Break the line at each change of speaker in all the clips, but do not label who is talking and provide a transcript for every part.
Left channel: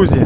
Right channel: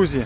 Друзі,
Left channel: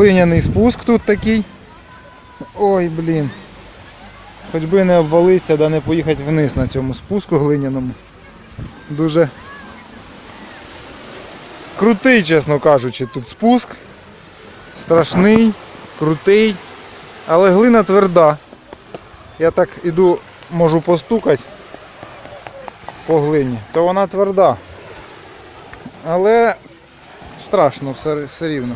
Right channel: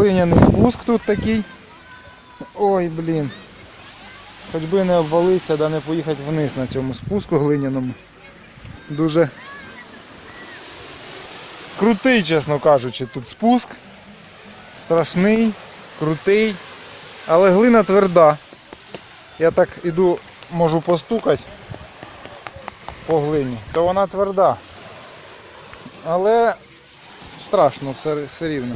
Глиняний спуск тут такий. Ой, блін. Хоч би не обвалитися, да не поїхати вниз на цьому спуску глиняному. Дуже крутий, чесно кажучи, тут спуск. Страшний, крутий, але глина тверда. Я так іду, можу постукати по глині, то вона тверда. Але страшно все, все рівно.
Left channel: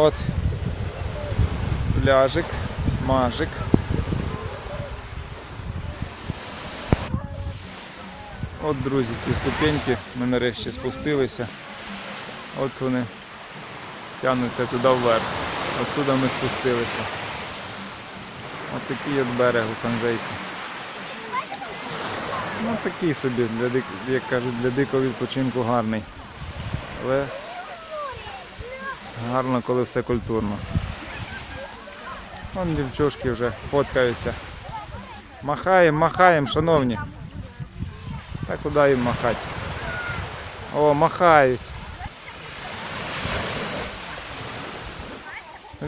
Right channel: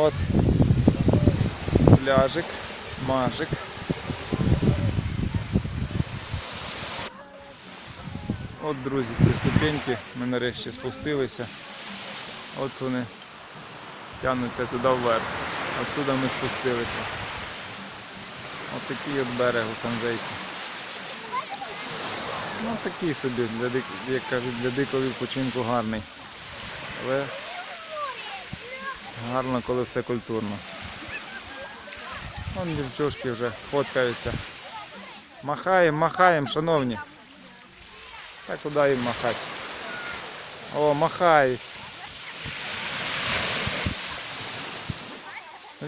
От пляжик, маржик. От, друзі, ці ступеньки ми нарешті спустилися. От вони тягнуться туди вверх. Оттуда ми спустилися. Ось такий от берег у Санжейці. Ну такий собі, як кажуть, для дикого відпочинку гарний. Але гарно, коли все культурно. Там дівчушки вже фоткаються. Махаємо, махаємо, шановні. Та куди їм махати? О, махають.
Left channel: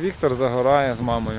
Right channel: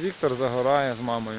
Віктор загорає з мамою.